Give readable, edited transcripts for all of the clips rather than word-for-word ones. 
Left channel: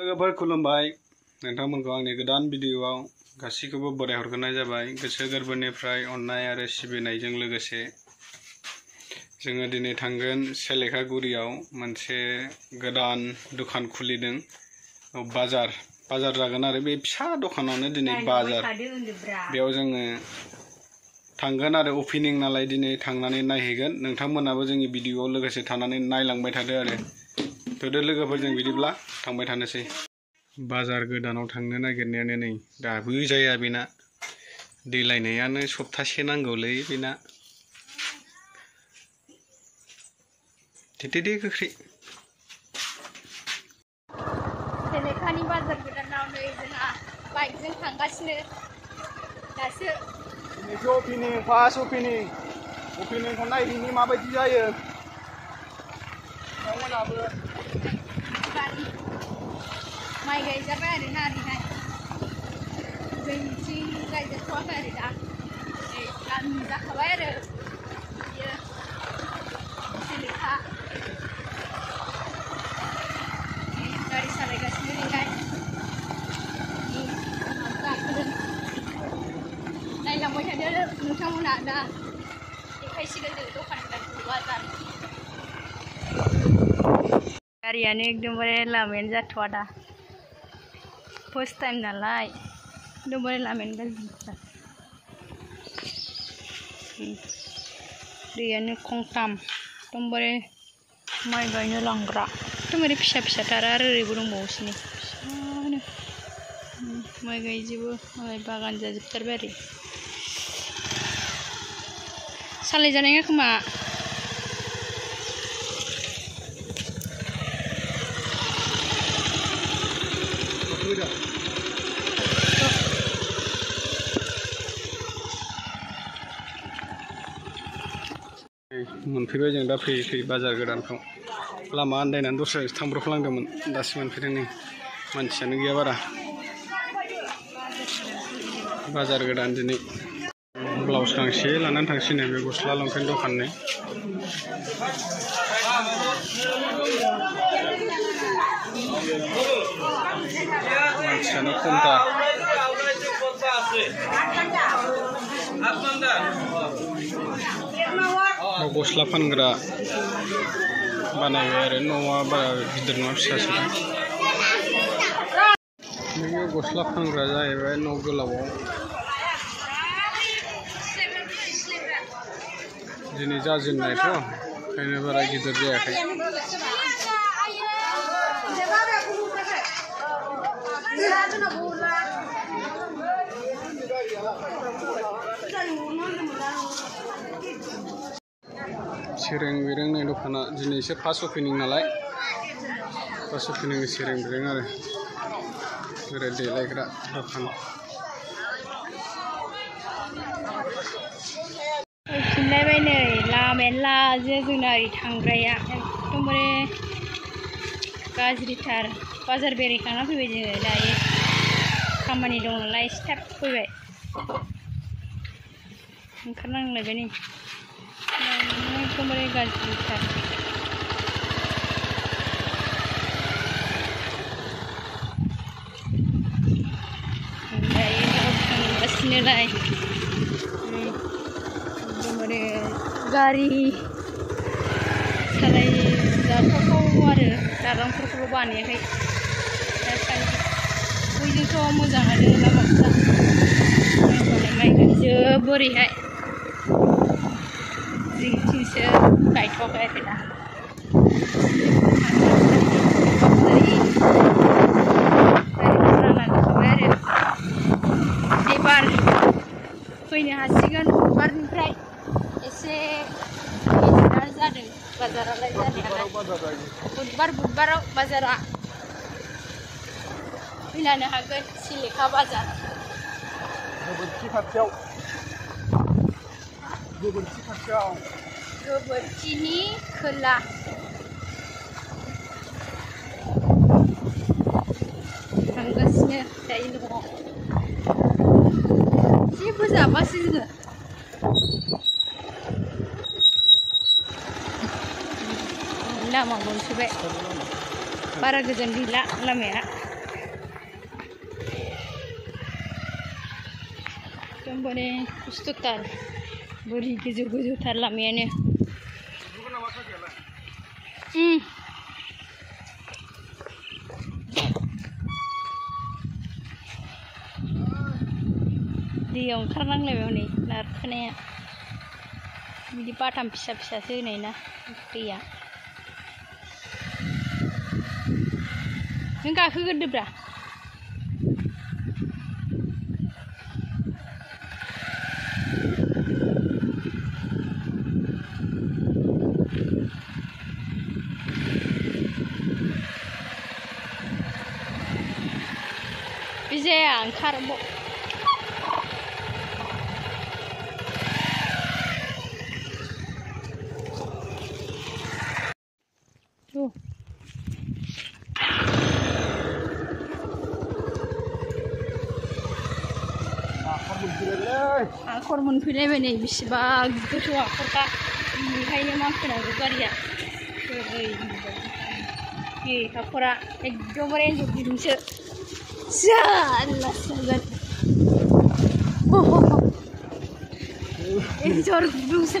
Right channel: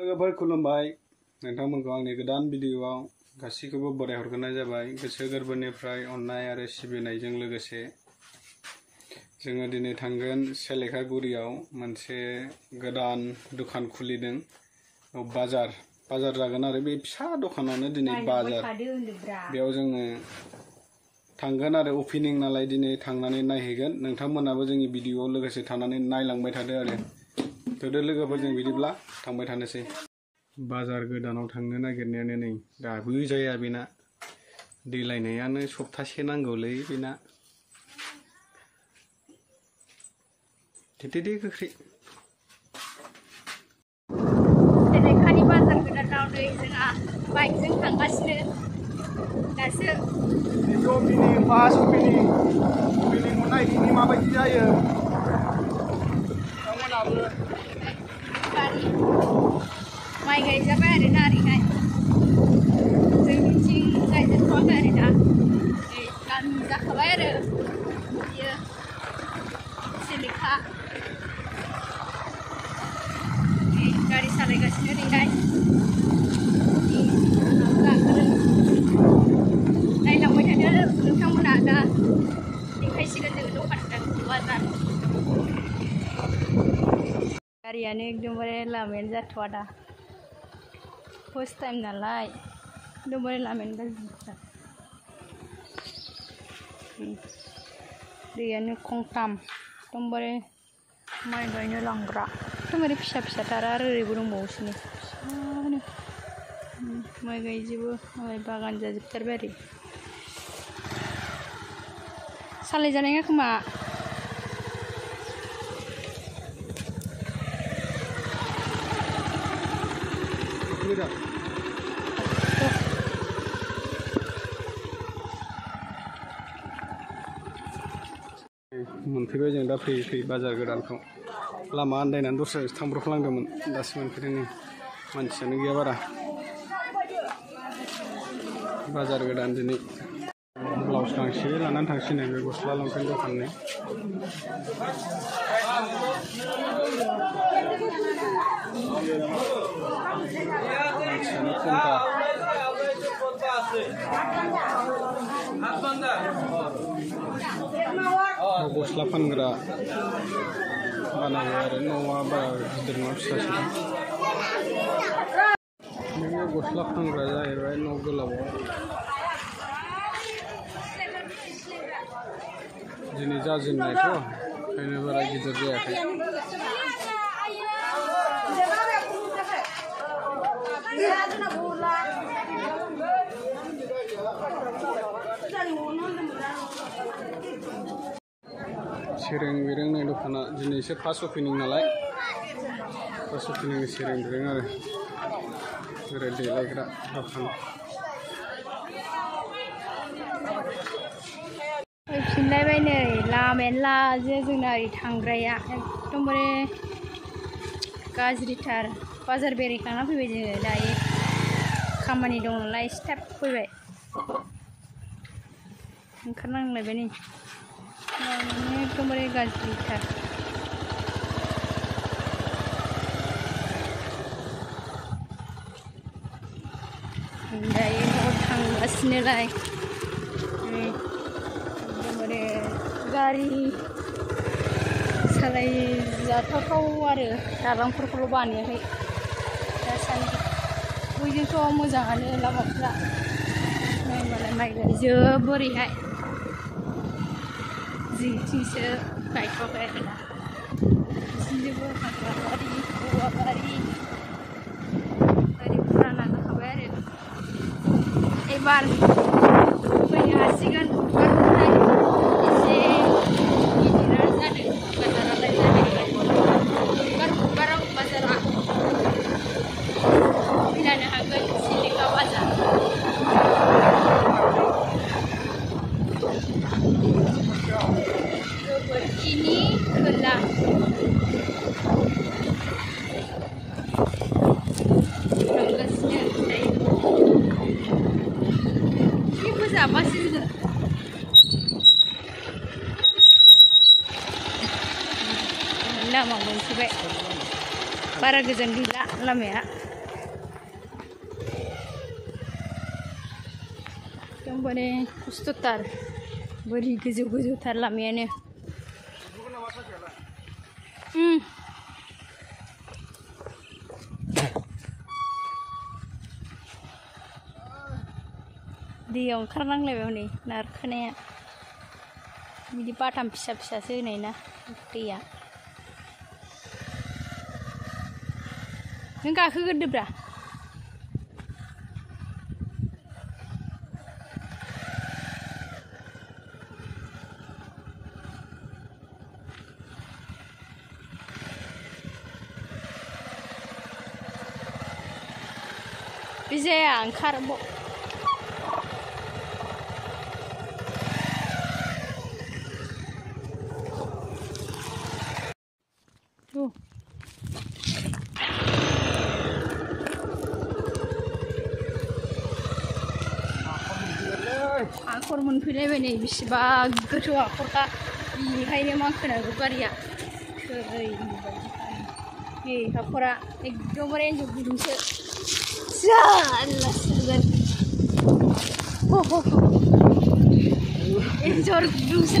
लोगोफोर खुलुमबाय नोंथांमोनखौ आंनि गोदान भिडिअआव गासैखौबो बराय हरग्रोनाय जाबाय गोसो गोरबोनिफ्राय अननाय आरो सिबिनायजों लोगोसे जोङो दिनै थांगोन सेलेखागुरियाव मोनसे गोदान दखान खुलिदों बाजार जागोन आरो बे फिसा दखानावनो दिनै बाजार बेयाव जोङो थांगोन आरो ओपनिं नालाय दिनै थांनानै नायहैगोन नोंथांमोनाबो जोंनि भिडिअआव लोगोसे थानानै नायलांबाय थादो आरो थोदो लोगोफोरजों बिदिब्ला थांबाय थानोसै बाजार गोदानाव थांनो नागिरनायानो नै दाबो जाया बेना दैलायनायानो सप्तासे नांगौलै बेना थेथेदे गोख्रै सेलेखानि बाजार गोदानाव नै जोंहा बाइकजों थांगासिनो दासो ओपनिं फार्स्ट ओपनिंखौ नायदिनि माबायदि जायो माइ गायजाबाय आरो ना ओरैहाय जोंनिथिं गायजाथ'वाखै आरो दा गामि जाखाबाय आरो बियो सेलेखा गारि सालायगासिनो ओरैहाय नायलांबाय थादो नोंथांमोना दा देखायसिगोन जों दखान बाजार गारियानो एकदमबारे लामायानो जाथ'आ दा फर्स्ट टाइम नालाय एकदमबारे लामायानो गाज्रिथार दैयानो खंथाम एकदमबारे माइ गायनो लांग्रा एकदमबारे फिसा फिसाथार आरो ओरैबो दंबावोसो नै फिसानो माइ गायजोबो मालाय बागान जाजोबथारबाय आरो सालायजानाय नङा खोमा मोनफैबाय जों दा फैयै बाजार गोदानखौ लामा आन्दायनानै दस्रायावसो थांब्रबफ्लांदोंमोन दासो मोनफैदों नै मानसियानो गैया बारा बाजार गोदान दिनै ब्लाउस गांसे लानानै थांसिनो बे गस्ला लंपेन्ट दखाननि मानसियानो खमथार गस्ला फानग्रा बानायबाय आरो न'आ बारा गिदिर नङा फिसासो बेयो गस्ला फानग्रा जाहैबाय न' गोलावाव दिनै जाजेननायथ' ओंखायनो बारा गिदिर जायाखै सेरें बेरेंनाय दखाना दिनैसो फार्स्ट ओपनिं नालाय फार्स्ट ओपनिं सेरें बेरें आरो ओरै देलायग्रा दखान फैफिनलायबाय नै लामायानो लाजो जोंना ओरै थांग्राया एकदमबारे गाज्रिथार बाजार बेरायखांना फैबाय जोङो दायो खामानि दं नालाय एसे थाब फैबाय ओंखारनांलायबाय नै एकदमबारे गाज्रिथार दायो न'आव थांगासिनोलाय एकदमबारे गारि सालायजाथावथाव आरो दालांफोरखौल' बानायाखै दासान्दि बयजोंथ' मोजाङानो लामाफ्रा मालाय माइ गायजोबो ओरैहाय जोंथिंसो गायथ'वाखै आरो दा गारिफोरा लांखाबाय आरो एबार फैनो हासिगोन बुधबारनिफ्राय एसे गिदिरा जादों बाजारालाय जानायालाय बुधबाराव बाजारा फैनो हागोन सेलेखा बाजार गोबोरखिनि खोला थांगासिनो दायो जेबो जाबासो जोङो लामा मोनफैबाय बारा गोजान गैला लामाया। एकदमबारे खस्थ'थार बोरि गोजौ गोजौथार लामायानो दैयाव ओंखारनांलायबाय हनै नारखोनाया बिदि बाथाम फिसा फिसासो होनाय ना दैया नों गाखोगोरदोब्रा बे जाया ओंखार हाखर मोनफैलायबाय नै बेसेबा गोथौ हाखरखा बेनिखायनो मानखोनांगौ गारिया बे हाखरा एकदमबारे एन्जर गिदुंसो जारलासो जागोन एन्जर गिदुंसो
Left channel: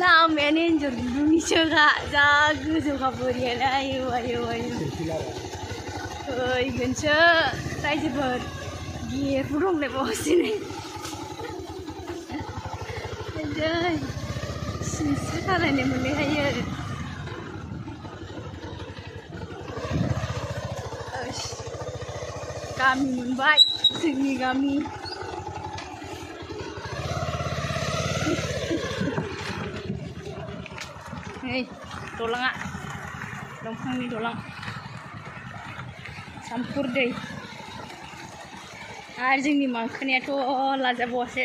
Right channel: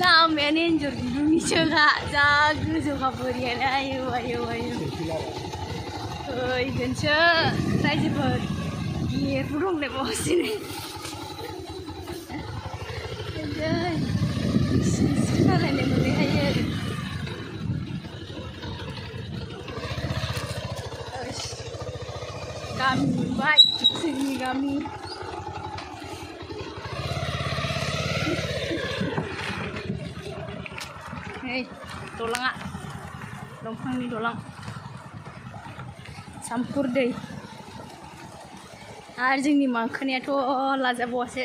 लामायानो एन्जर गिदुंनिसोखा जा गोजौखा बोरियानो आयौ आयौ आयौ फैगोनसो रायजोफोर गिरबो दंलायबावसो नै सिनस्रि सालायनो मोनैहायो गामि मोनबाय जोंनि गामि नै दलाङा दंफांनि दलां सामफुर दै आरो जोंनि मांखोनायाथ' लाजाबावासो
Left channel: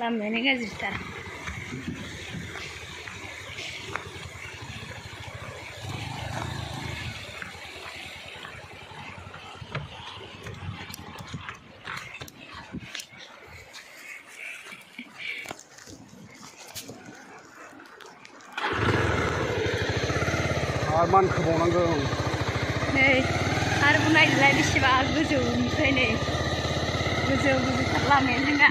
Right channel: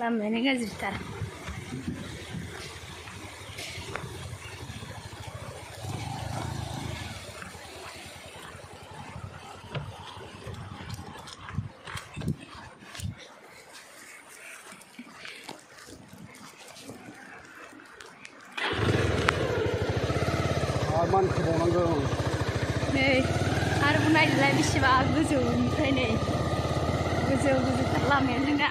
लामायानो गाज्रिथार मानखोबावनांगौ नै आरोबाव नायदोलाय बेसेबा गोजौनिफ्राय नै गोजौ गोजौथार लामायानो जोंना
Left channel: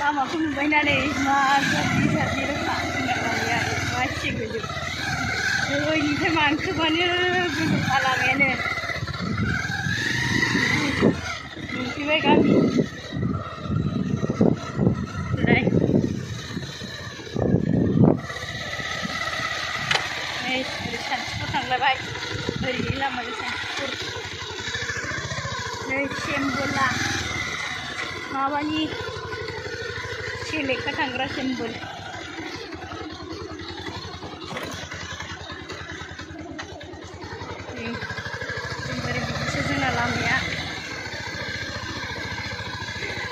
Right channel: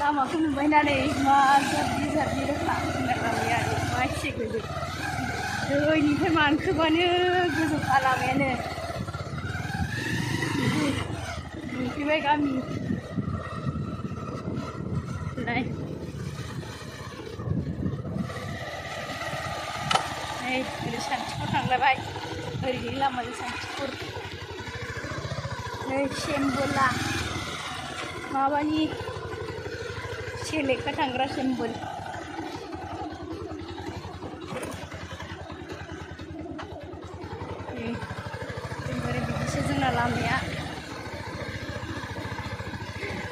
लामाखौ नुबायना नै मा जारबि जारबि रोखा जोंना लामाया मा एसे गोजौ दैनिफ्राय मानखोबानो गोजौखा लामायानो मोनफैबाय गामि नै ओरै सानथिफुर थांलायबाय ओरैनि लामाजों सानथिफुर नै सेम्बोला माबानि सेलेखा थांग्रा सेम्बोल एकदमबारे बिदिसो जोंना लामाया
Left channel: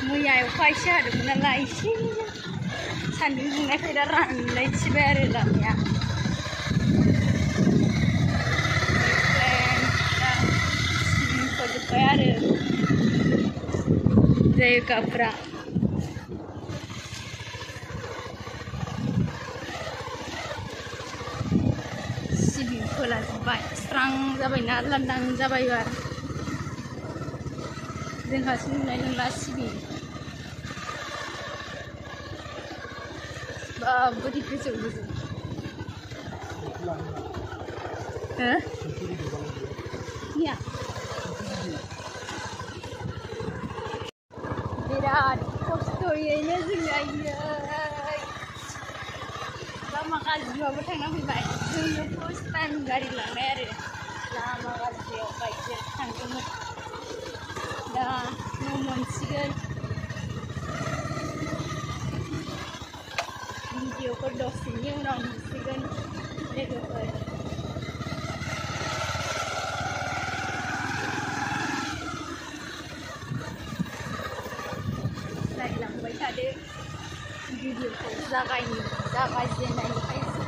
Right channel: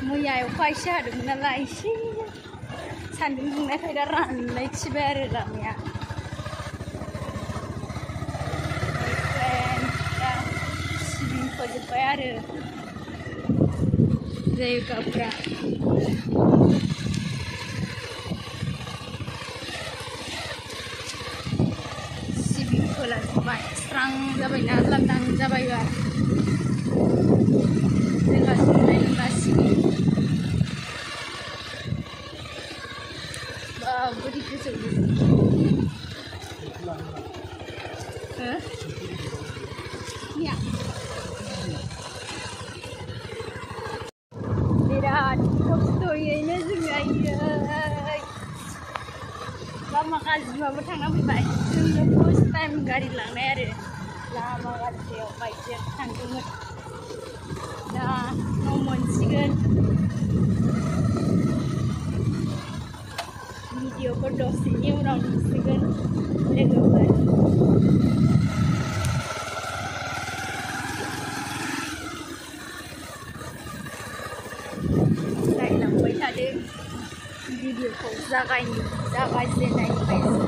मैया अखा एसे हादोंमोन नालाय एसे सान्दुं दुंनायखाय दा रानलायथिबाय आरो लामाया दा सिबिं फोजोब्बाय आरो जायगाफ्रा फोलाजोब्बाय स्रां जाबायना लांदां जाबाय जोंहासो नुनाय नंला सिबिं बोरै गोजौ गोजौ बिराद खस्थ'यैनो जोङो लामा गाज्रिबाबो थांना फैबाय जोङो फार्स्ट टाइम गारि लांनाय आरो लामा गाज्रियाव बाइकजों थांदोंमोन दा न' मोनसिगोन भिडिअखौ दसेनि उनाव नुसिगोन लोगोफोर नायलांबाय थादो भिडिअखौ जागायजेननायनिफ्राय